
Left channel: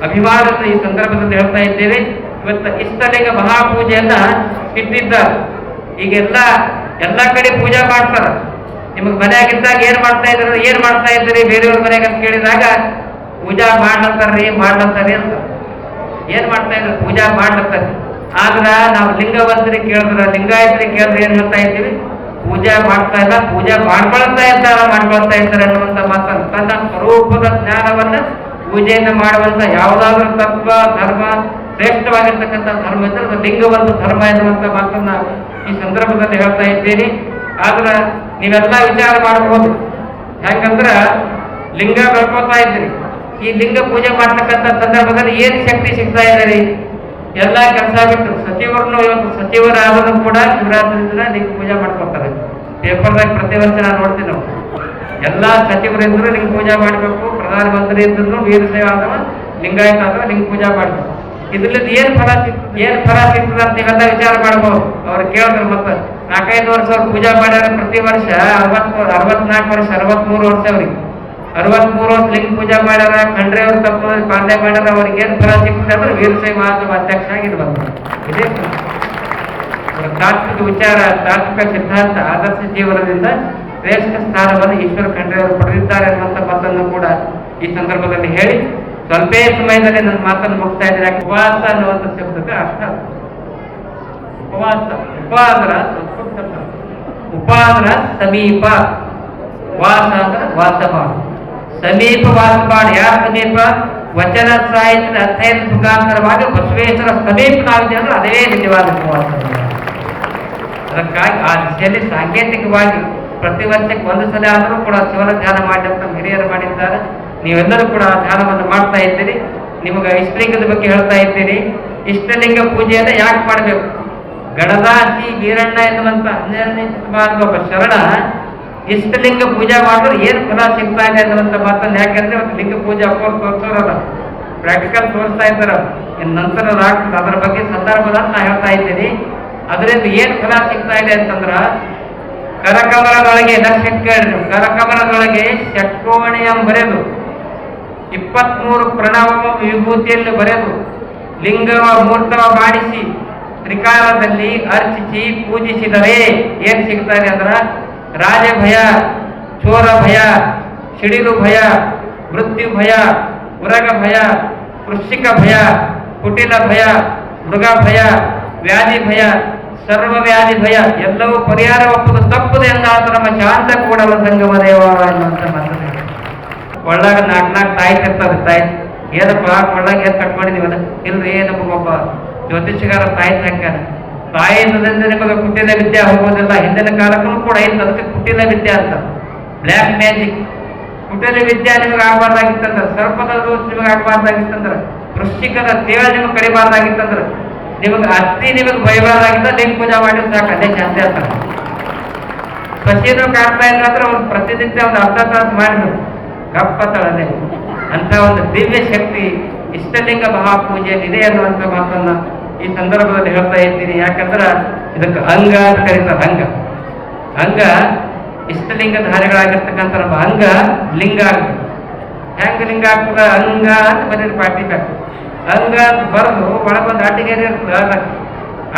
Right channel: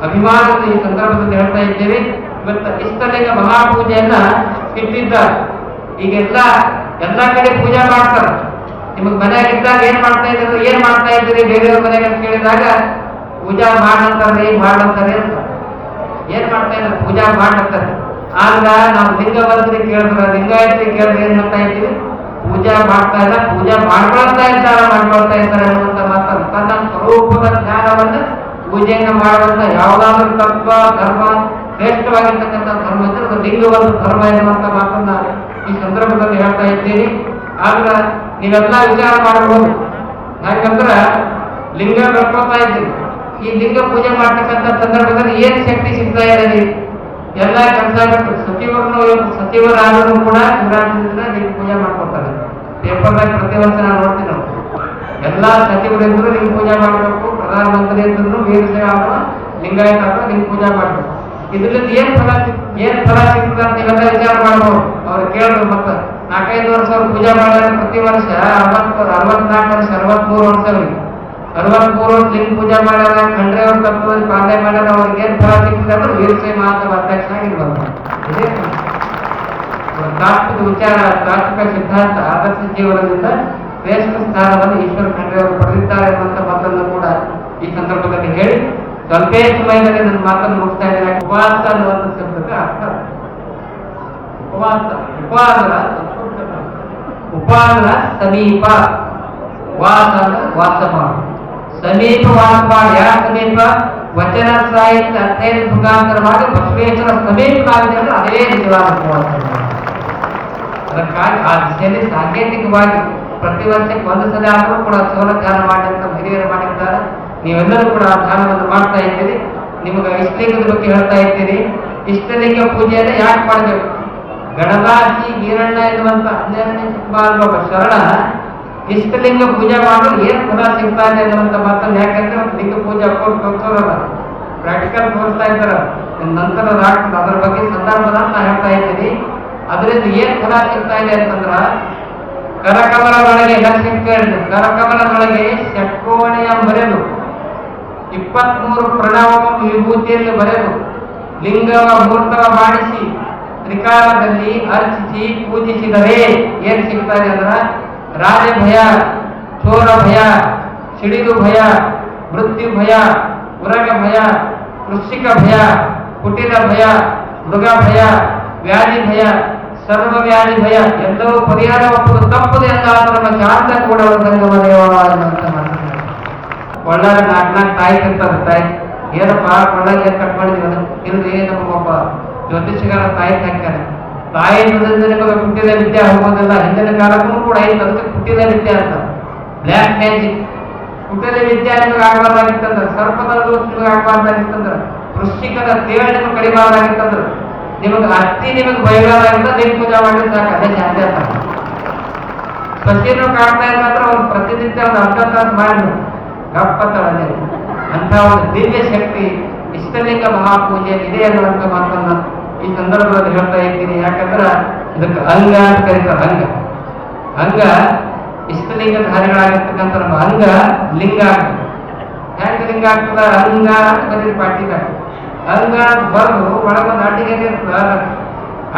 ಅಭಿಮಾನದ ಈ ಸಂದರ್ಭದಲ್ಲಿ ಹೇಳ್ತಾ ಇದ್ದೇವೆ. ಇವತ್ತು ಇಷ್ಟಲಿಂಗ ಮಹಾಪೂಜೆಯನ್ನ ಇಟ್ಟಿದ್ದಾರೆ. ಈಗೆಲ್ಲ ಎಲ್ಲ ಕಡೆ ಪೂಜೆ ಮಾಡ್ತಾರೆ. ನಿಮಗೆ ಮನೆಯಾಗಿದ್ದಾಗ ಏನ್ ಮಾಡ್ತಾ ಇದ್ರಿ ಏನ್ ಮಾಡ್ತಾ ಇದ್ದೀರಿ, ಬೇರೆಯವ್ರ ಮನೆಗೆ ಅಂತ ಕೇಳಿದಾಗ ಪೂಜಾ ಮಾಡ್ಲಂತಾರ್ರಿ ಮಾಡ್ಲಂತಾರ್ರಿ ಅಂತ. ಏನ್ ಮಾಡ್ತಾ ಇದ್ರು? ಪೂಜಾ ಮಾಡ್ಲತ್ತಾರೆ ಆದ್ರ ನಾವು ಲಿಂಗವಂತರಿ ಕೇಳಿದ್ರ, ಲಿಂಗಾಯತ್ರಿ ಕೇಳಿದ್ರೆ ಏನ್ ಹೇಳ್ತಾ ಇದ್ದೀವಿ? ಪೂಜಾ ಮಾಡ್ತಾ ಇಲ್ಲ, ಪೂಜಾ ಮಾಡ್ಕೊಳ್ತಾ ಇದ್ದಾರ, ಮಾಡ್ಕೊಳ್ತಾ ಇದ್ದಾರೆ ಅನ್ನುವಂತ ಮಾತನ್ನು ತನ್ನ ಸ್ವರೂಪದ ಜ್ಞಾನವನ್ನ ಪೂಜೆಯನ್ನು ಮಾಡುವಂತ ಯಾವುದಾದ್ರೂ ತತ್ವ, ಧರ್ಮ, ಶ್ರೇಷ್ಠವಾಗಿರ್ತಕ್ಕಂಥ ಧರ್ಮ ಲಿಂಗವಂತ ಧರ್ಮ ಎನ್ನುವಂತ ಮಾತನ್ನ ಈ ಸಂದರ್ಭದಲ್ಲಿ ಹೇಳ್ತಾ ಇದ್ದೀನಿ. ಆದ್ರ ನೀವೆಲ್ಲ ವಿಚಾರ ಮಾಡಬಹುದು ಯಾಕಂದ್ರ ಲಿಂಗ ಬೆಳ್ಕೊತಾ ಇದ್ದೀರಿ. ಈ ಲಿಂಗ ಪೂಜೆ ಮಾಡ್ತಕ್ಕಂಥ ಸಂದರ್ಭದಲ್ಲಿ ಏನು ಶಕ್ತಿ ಸಿಗ್ತಾ ಇದೆ ರೀ? ಎಲ್ಲ ಕೆಲಸ ಬಿಟ್ಟು ಸಚಿವರನ್ನು ಸಚಿವರಾದರೂ ಕೂಡ ಶಿವರಾತ್ರಿ ದಿನ ಲಿಂಗ ಪೂಜೆ ಮಾಡ್ಕೊತಾರೆ. ಪೇಪರ್ದಾಗ ಪ್ರತಿ ವರ್ಷ ನಾನು ನೋಡ್ತೀನಿ ನಾವು ಎಲ್ಲ ಸಚಿವರಿದ್ರು ಲಿಂಗ ಪೂಜೆ ಮಾಡಬೇಕು ಪ್ರಧಾನಮಂತ್ರಿ ಇದ್ರು ವೀರಶೈವ ಅಥವಾ ಲಿಂಗಾಯತ ಅಥವಾ ಲಿಂಗ ಪೂಜೆ ಮಾಡಬೇಕು. ಇದರಿಂದ ಏನು ಫಲ ಸಿಗ್ತದೆ ಏನು ಫಲ ಸಿಗ್ತದೆ ಅಂತ ನೀವೆಲ್ಲ ವಿಚಾರ ಮಾಡ್ಬೋದು. ಅವ್ರು ಕೇಳಿದ್ರು ಮತ್ತೆ ನಾಲ್ಕೈದು ವರ್ಷ ಪೂಜೆ ಮಾಡ್ಯಾರ ಪ್ರತಿ ವರ್ಷ, ಅರವತ್ತು, ಅರವತ್ನಾಲ್ಕು ವರ್ಷ, ಅರವತ್ಮೂರು ವರ್ಷ ಅವ್ರಿಗೆ. ಅರವತ್ಮೂರು ವರ್ಷ ಲಿಂಗ ಪೂಜೆ ಮಾಡ್ಯಾರ, ಖಂಡ್ರೆ ಅವ್ರ ತತ್ವ ಪಾಲನೆ ಮಾಡ್ಯಾರ ಅವ್ರಿಗೆ ಫಲ ಸಿಗ್ತದೆ ಅಂದ್ರೆ ವೀರಸೈ ಮಹಾತ್ಮ ಅಧ್ಯಕ್ಷ ಇದೇ ತಾತ್ವಿಕ ವಿಚಾರ, ತಾತ್ವಿಕ ಸಿದ್ಧಾಂತ, ಆದರ್ಶ ಜೀವನದಿಂದ ಶ್ರೇಷ್ಠ ಸ್ಥಾನವನ್ನು ಈಶ್ವರ ಖಂಡ್ರೆ ಅವರು ಪಡೆದಿದ್ದಾರೆ ಅನ್ನುವಂಥ ಮಾತನ್ನು ಕೂಡ ಈ ಸಂದರ್ಭದಲ್ಲಿ ಹೇಳಿ, ಸ್ವಲ್ಪೇ ಸಮಯದಲ್ಲಿ ನನ್ನ ಮಾತನ್ನು ಮುಗಿಸ್ತಾ ಇದ್ದಾರೆ ಯಾಕೆ ಉಪವಾಸ ಅನ್ನುವಂಥ ಶಬ್ದಕ್ಕೆ ಅರ್ಥ ಉಪವಾಸ ಪದ. ಉಪಾಸನ ಸಮೀಪ. ವಾಸ ವಾಸ ಮಾಡು ಸಮೀಪ ವಾಸ ಮಾಡಿ ಯಾರ ಸಮೀಪ? ವಚನ ಸಾಹಿತ್ಯ ಅಧ್ಯಯನ ಮುಖಾಂತರವಾಗಿ ಬಸವೇಶ್ವರ ಸಮೀಪನಾಗಿದೆ ಅಂದ್ರೆ ಅದೇ ನಿಜವಾದ ಅದಕ್ಕಾಗಿ ಆ ದಿಶೆಯಲ್ಲಿ ಸಾಂಕೇತಿಕವಾಗಿ ಪ್ರತಿ ವರ್ಷಕ್ಕೆ ಒಂದು ಸಲ ಆದರೂ ಕೂಡ ಶಿವನ ಧ್ಯಾನ ಮಾಡಿದಂತ ಹಿರಿಯರು ಮಾಡಿದ್ದಾರೆ. ನೀವೆಲ್ಲರೂ ಕೂಡ ಧ್ಯಾನವನ್ನು ಮಾಡ್ತಾ ಇದ್ದೀರಿ. ನಿಮಗೆ ಇಷ್ಟಲಿಂಗದ ಬಗ್ಗೆ ಹೇಳ್ತಾ ಇದ್ದೀರಿ. ಇಷ್ಟಲಿಂಗ ಪೂಜೆಯನ್ನು ಯಾಕೆ ಮಾಡಬೇಕು? ಗಣದಾಸಿ ವೀರಣ್ಣ ಎನ್ನುವಂತ ಹನ್ನೆರಡನೇ ಶತಮಾನದ ಒಬ್ಬ ಶರಣ ಇಷ್ಟಲಿಂಗ ಪೂಜೆ ಮಾಡಿದ್ರೆ ಏನು ಫಲ ಸಿಗ್ತಾ ಇದೆ ಅನ್ನುವಂತ ಮಾತನ್ನು ಯಾಕಂದ್ರೆ ಒಂದು ಲಿಂಗ ಪೂಜೆ ಅಪ್ಪವ್ರು ತೋರಿಸೋರಲ್ಲ. ಪ್ರಾಕ್ಟಿಕಲ್ ತೋರಿಸ್ತಾ ಇದ್ದಾರೆ ಇನ್ನು ನಂತರ ಆಗ್ತದೆ ಅದರ ಬಗ್ಗೆ ಸಂದರ್ಭದ ನಾ ಹೇಳ್ತಾ ಇದ್ದೀನಿ. ಅದರಿಂದ ಏನು ಫಲ ಸಿಗ್ತಾ ಇದೆ ಅಂತಂದ್ರ ಕರಕಮರದೊಳಗೆ ಲಕ್ಷಕ್ಕೆ ಕರಕಮರದೊಳಗೆ ಷಟ್ಕೋಣೆಯ ಬರೆದು, ಇಪ್ಪತ್ಮೂರು ಪ್ರಣವ ವಿಭೂತಿಯಲ್ಲಿ ಬರೆದು, ಲಿಂಗವ ಮೂರ್ತವ ಮಾಡಿಸಿ ತ್ರಿಕಾಲದಲ್ಲಿ ಅರ್ಚಿಸಿ ಪೂಜಿಸಿದರೆ ಏನು ಸಿಗ್ತಾರೆ ಅಂದ್ರ ರಾಜ ಭಯ, ಚೋರ ಭಯ, ಸಿಡಿಲು ಭಯ, ಮೃತ್ಯು ಭಯ, ಉರಗ ಭಯ ಕೃಷಿಕ ಭಯ, ಕುಟಿಲ ಭಯ, ಮೃಗ ಭಯ, ವ್ಯಾಧಿ ಭಯ, ಸರ್ವ ವ್ಯಾಧಿ ಭಯ, ಎಲ್ಲವೂ ಪರಿಹಾರ ಒಪ್ಪುದು ತಪ್ಪುದು ಎಂದಾದ ನಮ್ಮ ಶಾಂತ ಕೂಡ ಸಂಗಮ ದೇವ ಎನ್ನುವಂತ ಮಾತನ್ನ ಹೇಳಿದ್ರು. ಒಳ್ಳಾಗ ನಾಲ್ಕು ನಾಲ್ಕು ತಾಯಿ ತಿರ್ತದೆ ತಾಯಿ. ಏನಪ್ಪ? ಒಳ್ಳಾಗ ಏನು ಕಟ್ ಇಲ್ರಿ ನಮಗೊಬ್ಬ ಜ್ಯೋತಿಷಗಾರ ತಾಯಿ ಹಾಕ್ಯಾರ ತಾಯಿ ನಿಮಗೆ ಕುಟ್ಟಿದ ವಿದ್ಯೆ ಹೋಗೋದಿಲ್ಲ ಹಿಂದಿನ ಕಾಲಕ್ಕೂ ಕೂಡ ಇಲ್ಲ ಅದಕ್ಕೆ ಕುಟ್ಟಿದ ವಿದ್ಯೆ ಅಂತ. ಬ್ಲ್ಯಾಕ್ ಮ್ಯಾಜಿಕ್ ಕುಟಿಲ ವಿದ್ಯೆ ನಿಮಗೆ ಆಗಬಾರ್ದಾಗಿತ್ತಂದ್ರ, ಸರ್ಪದ ದೋಷ ನಿಮಗೆ ಆಗಬಾರ್ದಾಗಿತ್ತಂದ್ರ, ವೃಶ್ಚಿಕದ ಸೇವೆ ನಿಮಗೆ ಕಡಿಬಾರ್ದಾಗಿತ್ತಂದ್ರ, ನಿಮಗೆ ಅತ್ತಿ ನಿಮಗೆ ಭಯಬಾರ್ದಾಗಿತ್ತ ಲಿಂಗ ಪೂಜೆ ಮಾಡಿ ಸಾಕು, ಅದೇ ಜಾಸ್ತಿ ಅಂತ. ಸಸಿನು ಕಾಡ್ತಾ ಇದ್ರೆ ಒಂದು ಪ್ರತಿನಿತ್ಯ ಒಂದು ಅರ್ಧ ತಾಸು ಮಾಡಿ ಕಪ್ಪತ್ತಳನೆ ಅಂತ ಒಂದು ದಿವ್ಯ ಶಕ್ತಿ, ಇಷ್ಟಲಿಂಗ ಮಹಾಪೂಜೆಯಲ್ಲಿ ಇದೆ ಅನ್ನುವಂಥ ಮಾತನ್ನ ಈ ಸಂದರ್ಭದಲ್ಲಿ ಹೇಳ್ತಾ ಇದ್ದೀನಿ, ಯಾಕಂದ್ರೆ ಇದಕ್ಕೆ ಅಂಗ ಅಂತ ಕರೀತಾರೆ ಅಂಗ ಅಂಗ ಇಷ್ಟಲಿಂಗ ಧಾರಿಗಳಾಗಿರ್ತಕ್ಕಂಥ ನಮ್ಮ ಅಂಗ ಲಿಂಗ ಆಗ್ತದೆ ಹೆಂಗ ಲಿಂಗ ಆಗ್ತದ? ಅಂಗ ಅಂತ ಬರೀ ಪಾಟಿ ಬೇಕು. ಅಂಗ ಅಂತ ಬರೆದು ಒಳಗೊಂದು ಅಡ್ಡಗೇರಿ ಇರ್ತದ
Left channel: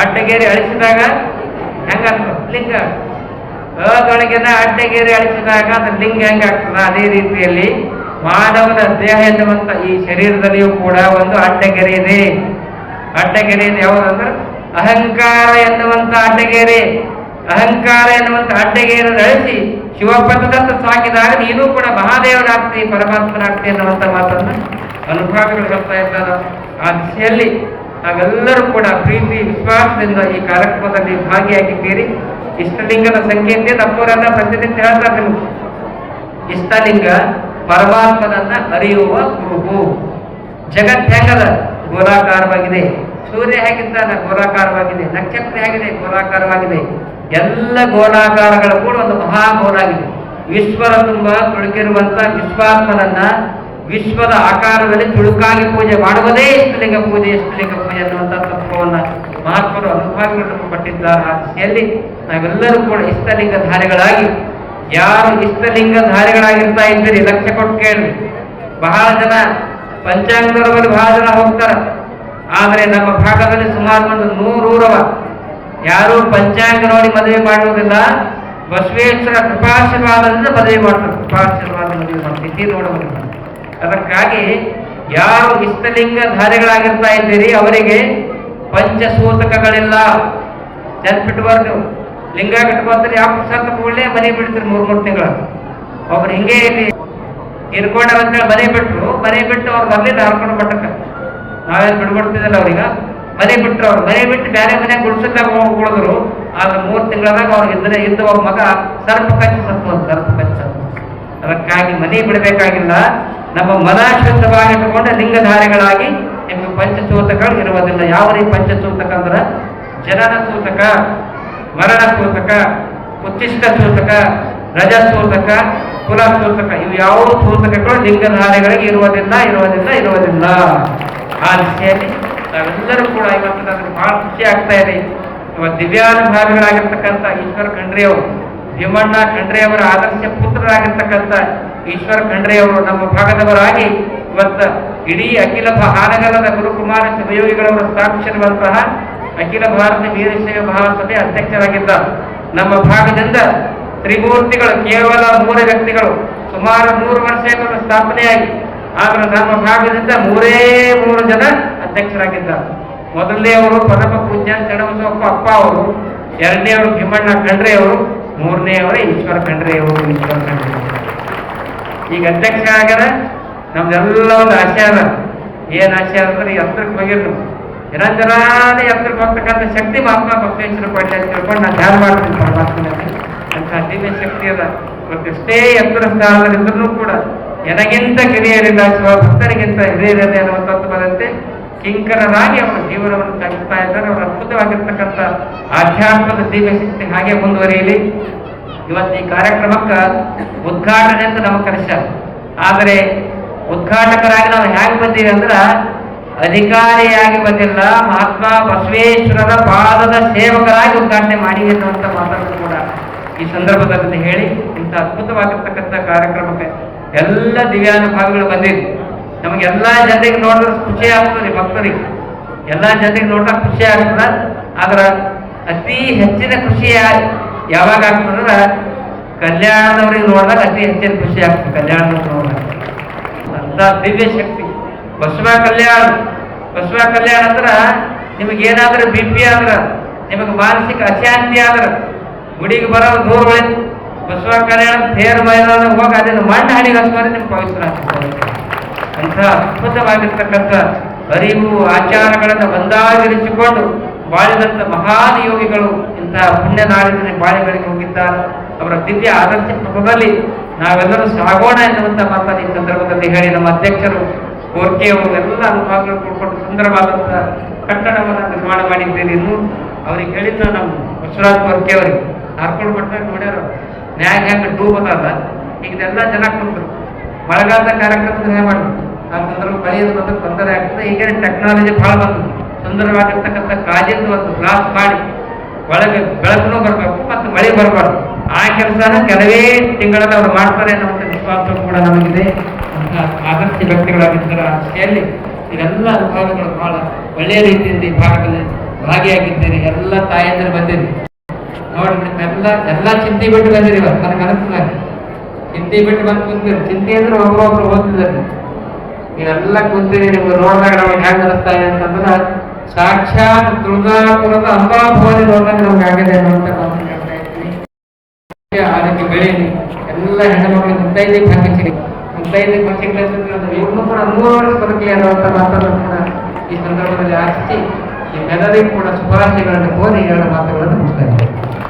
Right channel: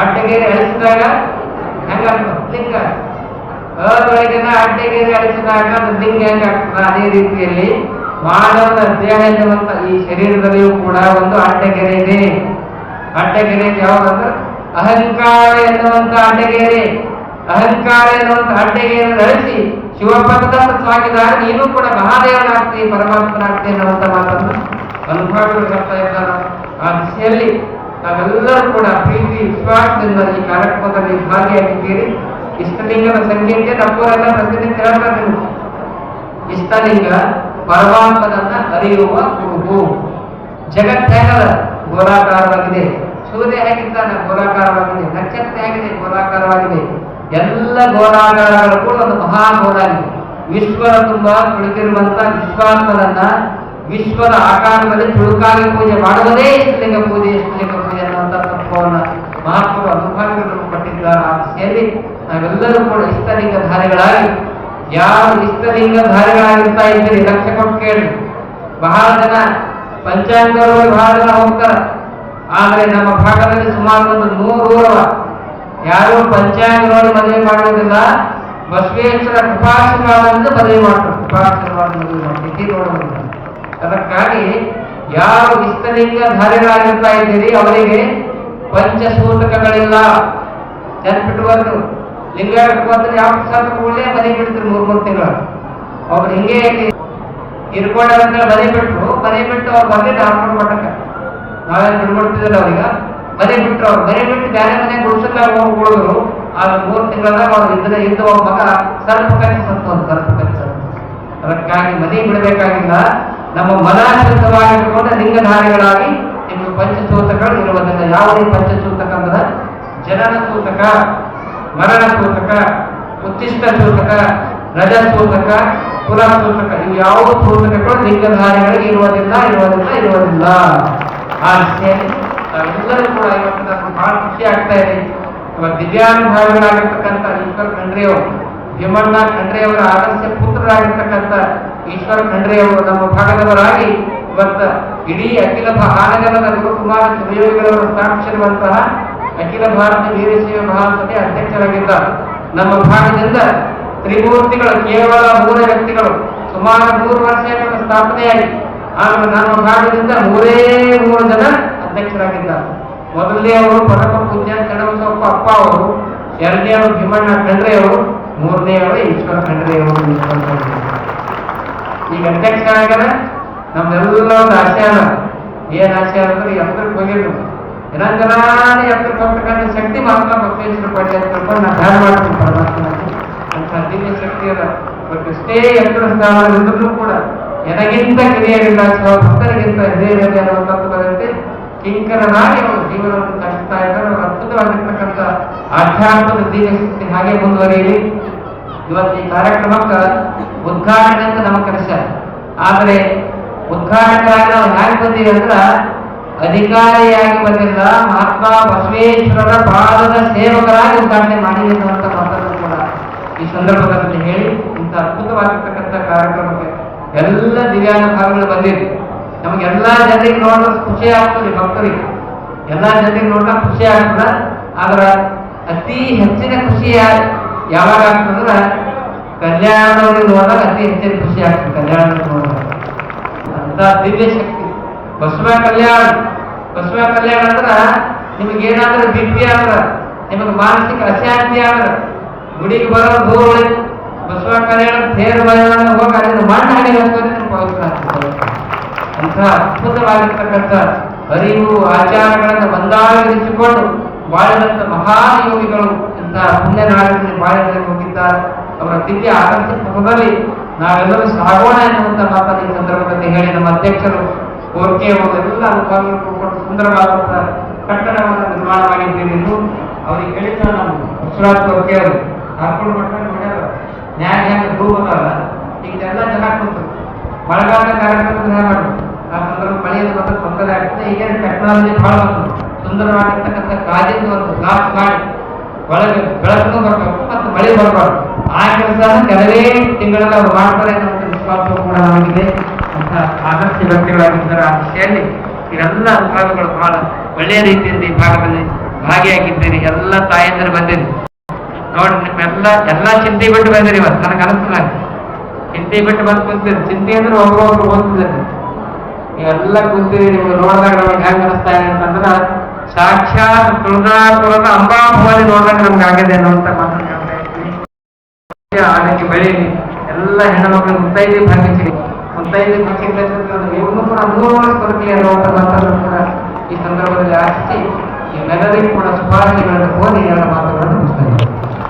ಅಡ್ಡಗೇರಿ ಅಳಿಸಿದಾಗ ಹೆಂಗ ಲಿಂಗ. ಅದೊಳಗಿನ ಅಡ್ಡಗೇರಿ ಅಳಿಸಿದಾಗ ಅದು ಲಿಂಗ ಹೆಂಗ ಆಗ್ತದ? ಅದೇ ರೀತಿಯಲ್ಲಿ ಮಾನವನ ದೇಹ ಎನ್ನುವಂತ ಈ ಶರೀರದಲ್ಲಿಯೂ ಕೂಡ ಒಂದು ಅಡ್ಡಗೆರೆ ಇದೆ. ಅಡ್ಡಗೆರೆ ಯಾವುದಂದ್ರೆ ಅಹಂಕಾರ ಎನ್ನುವಂತ ಅಡ್ಡಗೆರೆ ಅಹಂಕಾರ ಎನ್ನುವಂತ ಅಡ್ಡಗೆರೆಯನ್ನು ನಡೆಸಿ ಶಿವಪದದತ್ತ ಸಾಕಿದಾಗ ನೀನು ಕೂಡ ಮಹಾದೇವನಾಗ್ತಿ, ಪರಮಾತ್ಮನಾಗ್ತಿ ಎನ್ನುವಂತ ಮಾತನ್ನು ಅನುಭಾವಿಗಳು ಹೇಳ್ತಾ ಇದ್ದಾರೆ. ಆ ದಿಶೆಯಲ್ಲಿ ನಾವೆಲ್ಲರೂ ಕೂಡ ಪ್ರೀತಿ, ವಿಶ್ವಾಸದಿಂದ ಈ ಕಾರ್ಯಕ್ರಮದಲ್ಲಿ ಭಾಗಿಯಾಗಿದ್ದೀರಿ. ಇಷ್ಟಲಿಂಗದ ಸಂಖ್ಯೆಯಿಂದ ನಮ್ಮೂರನ್ನ ಪ್ರತಿನಿತ್ಯ ಹೇಳ್ತಾ ನಿಮ್ಗೆ ಇಷ್ಟಲಿಂಗ ಪರಮಾತ್ಮನನ್ನ ಅರಿಯುವ ಗುರುವು ಜಗತ್ ಗೋಲಾಕಾರವಾಗಿದೆ. ಸೂರ್ಯ ಹೇಗಿದ್ದಾನೆ ಗೋಲಾಕಾರವಾಗಿದೆ. ನಕ್ಷತ್ರ ಹೇಗಿದೆ? ಗೋಲಾಕಾರವಾಗಿದೆ. ಎಲ್ಲ ಗೋಲಾಕಾರಗಳು ಕೂಡ ಒಂದು ಮಹಾಗೋಲಾಗಿದೆ. ವಿಶ್ವದ ತುಂಬ ತುಳುಕಿರುವಂತ ವಿಶ್ವಾತ್ಮನನ್ನ ವಿಶ್ವದ ಆಕಾರದಲ್ಲಿ ತುಳುಕಾಗಿ ಪೂಜೆ ಮಾಡುವುದೇ ಇಷ್ಟಲಿಂಗ ಪೂಜೆ ಇಷ್ಟಲಿಂಗ ಪೂಜೆ ಅನ್ನುವಂಥ ತತ್ವವನ್ನ ಮಹಾತ್ಮರು ಅನುಭಾವಿಗಳು ಪಟ್ಟಿದ್ದ ಆ ದಿಶೆಯಲ್ಲಿ ನಾವೆಲ್ಲರೂ ಕೂಡ ಇಷ್ಟಲಿಂಗ ಧಾರಿಗಳಾಗಿ, ಯಾರು ಇಷ್ಟಲಿಂಗ ಧಾರಿಗಳಾಗಿರ್ತಾ ಇದ್ದೀರಿ? ಲಕ್ಷ್ಯ ಕೊಟ್ಟು ಕೇಳಿ ಬಹಳ ಜನ ಪಂಚಾಂಗರಲ್ಲಿ ಬಹಳ ಜನ ಹೋಗ್ತಾರ ಆದ್ರೆ ನಮ್ಮ ಭಾಗದಲ್ಲಿ ಸುಮಾರು ಒಂದು ನೂರೂರವ ಯಾರು ಪಂಚಾಂಗ ನೋಡಿ ಮದುವೆ ಮಾಡುವುದಿಲ್ಲ. ಬಸವೇಶ್ವರ ಕೃಪಾಶೀರ್ವಾದದಿಂದ ಮದುವೆ ಮಾಡ್ತಾರೆ. ಕೃಪಾಶೀರ್ವಾದ ಮದುವೆ ಮಾಡ್ತೀವಿ ಅದಕ್ಕಾಗಿ ಯಾರು ಇಷ್ಟಲಿಂಗ ಧಾರಿಗಳಾಗಿರ್ತಾ ಇದ್ದೀರಿ, ಅವರಿಗೆ ಪಂಚಸೂತಕಗಳಿಲ್ಲ. ನೆನ್ಪಿಟ್ಬಾರ್ದು ಲಿಂಗ ಕಟ್ಕೋತಾರೆ ಯಾವ ಪ್ರಸಾದ ಕೂಡಲೇ ಮನೆ ಬಿಡ್ತಾರೆ ಮೂರು ಮೂರು ತಿಂಗಳು. ಒಬ್ರು ಹಿಂಗೆ ಇಲ್ಲಿ ಹೇಳಿ ಮನೆ ಬಿಟ್ರು ಮನೆ ಬಿಟ್ಟು ಅವ್ರು ಬರ್ಲಿಲ್ಲ ಹರ್ಕೊಂಡು ಮಟ್ಟಕ್ಕ ನಾವೇನು ಬಿಡ್ಕೊಡ್ತಿದ್ದಿಲ್ಲ ಅವ್ರಿಗೆ? ಮನೆ ಬಿಟ್ರು ಅವ್ರು. ಮನೆ ಬಿಟ್ಟು ಬೇರೆ ಮನೆ ಗುಡ್ಸಕ್ಕೆ ಹೋಗಿ ಉಳಿದ್ರು. ಆಗ ಮೂರು ತಿಂಗಳದಾಗ ಅವ್ರು ಇದ್ರೆ ಇದ್ದ ಒಬ್ಬ ಮಗ ಸರ್ಪ ಕಚ್ಚಿ ಸತ್ತು ಅಂತ ಸರ್ಪ ಕಚ್ಚಿ. ಅದಕ್ಕಾಗಿ ಮನೆ ಬಿಡಬೇಕಾಗಿಲ್ಲ. ನಮ್ಮ ಮನ ಶುದ್ಧವಾಗಿ ಲಿಂಗಧಾರಿಗಳಾಗಿ ನಿಮಗೆ ಪಂಚಸೂತಕಗಳು ಇರುವುದಿಲ್ಲ. ಯಾವ ರೀತಿ ಪಂಚಸೂತಕ ಅಂದ್ರೆ? ಜನನ ಸೂತಕ, ಮರಣ ಸೂತಕ, ಉಚ್ಚಿಷ್ಟ ಸೂತಕ, ರಜ ಸೂತಕ ಕುಲ ಇವು ಯಾವುದು ಸೂತಕಗಳು ಲಿಂಗಧಾರಿಗಳಿಗೆ ಇರುವುದಿಲ್ಲ ಇರುವುದಿಲ್ಲ ಇರುವುದಿಲ್ಲ. ಆ ದಿಶೆಯಲ್ಲಿ ನಾವೆಲ್ಲರೂ ಕೂಡ ಇವತ್ತು ನನಗೆ ಬಹಳ ಖುಷಿ ಆಗ್ತಾ ಇದೆ. ಇವತ್ತು ದಿವ್ಯಾನುಭಾವಿಗಳಾಗಿರ್ತಕ್ಕಂಥ ಈಶ್ವರ ಖಂಡ್ರೆಯವರು, ಭೀಮಣ್ಣ ಖಂಡ್ರೆಯವರ ಆದರ್ಶ ಪುತ್ರರಾಗಿರ್ತಕ್ಕಂಥ ಈಶ್ವರ ಖಂಡ್ರೆಯವರು, ನಮ್ಮ ಭಾಗದವರಾಗಿ ಇವತ್ತು ಇಡೀ ಅಖಿಲ ಹಾನಗಲದ ಗುರುಕುಮಾರ ಶಿವಯೋಗಿಗಳವರು ಸ್ಥಾಪಿಸಿರುವಂತಹ ಅಖಿಲ ಭಾರತ ವೀರಶೈವ ಮಹಾಸಭೆ ಅಧ್ಯಕ್ಷರಾಗಿದ್ದ ನಮ್ಮ ಭಾಗದಿಂದ ತ್ರಿಮೂರ್ತಿಗಳು, ಕೇವಲ ಮೂರು ವ್ಯಕ್ತಿಗಳು. ಸುಮಾರು ನೂರು ವರ್ಷಗಳ ಸ್ಥಾಪನೆಯಾಗಿ. ಆದ್ರೆ ನಮ್ಮ ಭಾಗದಿಂದ ಮೂರೇ ಮೂರು ಜನ ಅಧ್ಯಕ್ಷರಾಗಿದ್ದಾರೆ. ಮೊದಲನೇ ಅವರು ಪರಮ ಪೂಜ್ಯ ಚಣಬಸವಪ್ಪ ಅಪ್ಪ ಅವರು, ಎರಡನೇ ಅವರು ಭೀಮಣ್ಣ ಖಂಡ್ರೆ ಅವರು, ಮೂರನೇ ಅವರು ಈಶ್ವರ ಖಂಡ್ರೆ ಅವರು, ಈಶ್ವರ ಖಂಡ್ರೆ ಈಗ ಅಧ್ಯಕ್ಷ ಆಗ್ಯಾರ ನಮ್ದೆಲ್ಲ ಒಂದು ಆಶಯ ಅದ. ಏನ್ ಆಶಯ ಅಂದ್ರೆ ಎತ್ತರಕ್ಕೆ ಹೋಗಿರ್ತೀವಿ ನಿರಂಜನಾನೇ ಎತ್ತರಕ್ಕೆ ಹೋಗ್ತಕ್ಕಂಥ ಶಕ್ತಿ ಮಹಾತ್ಮ ಬಸವೇಶ್ವರ ಪಡ್ಲಿ ಅಂತ ತಿಳ್ಕೊಂಡು ನಾನು ಧ್ಯಾನ ಮಾಡ್ತೀನಿ ಪರಮಾತ್ಮನಲ್ಲಿ ದಿವ್ಯ ಶಕ್ತಿ ಅದ. ಎಷ್ಟೇ ಎತ್ತರ ಸ್ಥಾನದಲ್ಲಿದ್ದರೂ ಕೂಡ ಎನಗಿಂತ ಕಿರಿಯರಿಲ್ಲ, ಅಥವಾ ಭಕ್ತರಿಗಿಂತ ಹಿರಿಯರಿದೆ ಅನ್ನುವಂಥದ್ದು ಬಂದಂತೆ ಕಿಂಕರನಾಗಿ ಅವರು ಜೀವನವನ್ನು ಸಾಗಿಸ್ತಾ ಇದ್ದಾರೆ ಅವರು ಅದ್ಭುತವಾಗಿರ್ತಕ್ಕಂಥ ಆಧ್ಯಾತ್ಮದ ಶಕ್ತಿ ಹಾಗೆ ಮುಂದುವರಿಯಲಿ. ಇವತ್ತು ಈ ಕಾರ್ಯಕ್ರಮಕ್ಕೆ ಉದ್ಘಾಟನೆ ಅಂತ ನಮ್ಮ ಕರೆಸ್ಯಾರ ಆದರೆ ಉದ್ಘಾಟಕರಾಗಿ ನಾವು ಹೇಗೆ ಬಂದೀವಿ ಅಂದ್ರ ಅಧಿಕಾರಿಯಾಗಿ ಬಂದಿಲ್ಲ. ಮಹಾತ್ಮ ಬಸವೇಶ್ವರರ ಪಾದದ ಸೇವಕರಾಗಿ ಉದ್ಘಾಟನೆ ಮಾಡಿ ಅನ್ನುವಂಥ ಈ ಸಂದರ್ಭದಲ್ಲಿ ಹೇಳಿ ಇಂಥ ಅದ್ಭುತವಾಗಿರ್ತಕ್ಕಂಥ ಕಾರ್ಯಕ್ರಮಕ್ಕೆ ಎಲ್ಲ ದಿವ್ಯಾನುಭಾವಿಗಳು ನಮಗೆ ನಮಗೆಲ್ಲ ಜನರಿಗೆ ನೋಡಿದ್ರೆ ಖುಷಿ ಆಗ್ತದೆ ಭಕ್ತರಿಗೆ. ಎಲ್ಲ ಜನರಿಗೆ ನೋಡಿದ್ರೆ ಖುಷಿ ಆಗ್ತದೆ. ಆದ್ರೆ ಅತಿ ಹೆಚ್ಚಿನ ಖುಷಿ ಯಾವಾಗ ಆಗ್ತದಂದ್ರೆ ಕಲ್ಯಾಣದವ್ರಿಗೆ ನೋಡಿದಾಗ ಅತಿ ಹೆಚ್ಚಿನ ಖುಷಿ ಆಗ್ತದೆ ಕಲ್ಯಾಣದವ್ರಿಗೆ ನೋಡಿದಾಗ. ಅಂತ ದಿವ್ಯ ಶಕ್ತಿ. ಬಸವ ಕಲ್ಯಾಣ. ಬಸವ ಕಲ್ಯಾಣ ಅಂದ್ರೆ ನಿಮಗೆ ಏನಾದ್ರೂ ಬಿ ಪಿ ಆದ್ರ, ನಿಮಗೆ ಮಾನಸಿಕ ಅಶಾಂತಿ ಆದ್ರ ಗುಡಿಗೆ ಬರೋದು ಉಳಿತು ಬಸವ ಕಲ್ಯಾಣ ತೇರು ಮೈದಾನ ಹೋಗಿ ಅದನ್ನು ಮಣ್ಣು ಹಣಿಗೆ ಹಚ್ಕೊಂಡ್ರೆ ನಿಮ್ಗೆ ಪವಿತ್ರ ಅಂತ ಅದ್ಭುತವಾಗಿರ್ತಕ್ಕಂಥ ಅರಿವು, ಆಚಾರಗಳನ್ನು ಒಂದಾಗಿರಿಸಿಕೊಂಡು ಬಾಳಿದಂಥ ಮಹಾನ್ ಯೋಗಿಗಳು ಇಂಥ ಪುಣ್ಯ ನಾಡಿನ ಬಾಳಿಗಳಿಗೆ ಹೋಗಿದ್ದಾರೆ. ಅವರ ದಿವ್ಯ ಆದರ್ಶ ಪಥದಲ್ಲಿ ನಾವೆಲ್ಲರೂ ಸಾಗೋಣ ಎನ್ನುವಂಥ ಮಾತನ್ನು ಈ ಸಂದರ್ಭದಲ್ಲಿ ಹೇಳಿ ನಮ್ಮ ಅಧ್ಯಕ್ಷರು ಓಕೆ ಎಲ್ಲ ಅನುಭವಗಳು ಕೊಟ್ಟುಕೊಂಡು ಸುಂದರವಾದಂಥ ಕಟ್ಟಡವನ್ನು ನಿರ್ಮಾಣ ಮಾಡಿದ್ದೇನೆ ಅವರಿಗೆ ಹೇಳಿದ ನಾವು ವಿಶ್ವನಾಥ್ ಕೋರ್ಕೆಯವರು ಹಾರ್ಕೊಂಡು ಮಟ್ಟ ನೋಡ್ಯಾರ ನ್ಯಾಯ ಟೂ ಅದಲ್ಲ ಈಗ ಇದೆಲ್ಲ ಜನ ಕುಂತು ಮಳೆಗಾಲದ ಕಾರ್ಯಕ್ರಮ ನ್ಯಾಯ ಮಾಡಿ ಆ ಸಂದರ್ಭ ಮಳೆಯಲ್ಲಿ ಮತ್ತೆ ತೊಂದರೆ ಆಗ್ತದೆ. ಈಗ ಟೆಕ್ನಾಲಜಿ ಭಾಳ ಬಂತು. ಸುಂದರವಾಗಿರ್ತಕ್ಕಂಥ ಕಾಜಿಂದು ಒಂದು ಗ್ಲಾಸ್ ಮಾಡಿ ಒಳಗೆ ಬೆಳಕನ್ನು ಬರಬೇಕು ಮತ್ತು ಮಳೆ ಬರಬಾರ್ದು. ಆ ಕೆಲಸನ ಕೆಲವೇ ತಿಂಗಳಲ್ಲಿ ಅವರು ಮಾಡ್ತಾರೆ ಅನ್ನುವಂಥ ವಿಶ್ವಾಸ ಕೂಡ ನಮಗಿದೆ. ಅಂತ ಆದರ್ಶ ವ್ಯಕ್ತಿಗಳಾಗಿದ್ದಾರೆ ಆ ಇವೆಲ್ಲ ಅನುಭವಗಳು ಬಹಳ ಒಳ್ಳೆಯ ರೀತಿಯಲ್ಲಿ ಈ ಭಾಗದಲ್ಲಿ ಭಾಗಿಯಾಗಿದ್ದೇನೆ. ಎಲ್ಲ ತಾಯಂದಿರು ಬಂದಿರಿ ನೋಡಿ ನಿಮ್ಮೆಲ್ಲ ಎಲ್ಲ ಚಿಂತೆ ಬಿಟ್ಟು ಬಂದಿರಿ ಇವತ್ತು. ನನಗೆ ಅನಿಸ್ತದೆ ಚಿಂತೆ ಬಿಟ್ಟು ಬಂದು ಕುಂತೀರಿ ಚಿಂತೆ ಅಂದ್ರೆ ಒಬ್ಬೊಬ್ರು ಓದ್ತಿದ್ದಾರೆ. ನೀವೆಲ್ಲ ಕುಂತೀರಿ ನಿಮ್ಗೆ ನೋಡಿದಾಗ ನಮಗೆ ಹೆಂಗೆ ಅನಿಸ್ತಾ ಇದೆ ಅಂತಂದ್ರೆ, ಸಾಕ್ಷಾತ್ ತುಳಜಾಪುರದ ಅಂಬಾಭವಾನಿ ನೋಡಿದಾಗ ನಮ್ಗೆ ಆಗಿದೆ ಅನ್ನುವಂಥ ಮಾತನ್ನು ಎಲ್ಲ ಬೆಳೀಲಿ. ಎಲ್ಲ ಹೆಣ್ಣುಮಕ್ಕಳು ಮುತ್ತೈದೆ ಭಾಗ್ಯಸಿರಿ ಮುತ್ತೈದೆ ಭಾಗ್ಯಸಿರಿ ಇವ್ರನ್ನೂ ಕೂಡ ಮೂರು ವರ್ಷ ಬದುಕಿ ಅನ್ನುವಂಥ ಮಾತನ್ನು ಕೂಡ ಈ ಸಂದರ್ಭದಲ್ಲಿ ಆಶಿಸಿ ನಿಮ್ಮೆಲ್ಲರಿಗೂ ಕೂಡ ಶುಭಾಶಯಗಳನ್ನು ಓದಿ ಎರಡು ಮಾತುಗಳನ್ನು ಮುಗಿಸ್ತಾ ಇದ್ದೀನಿ.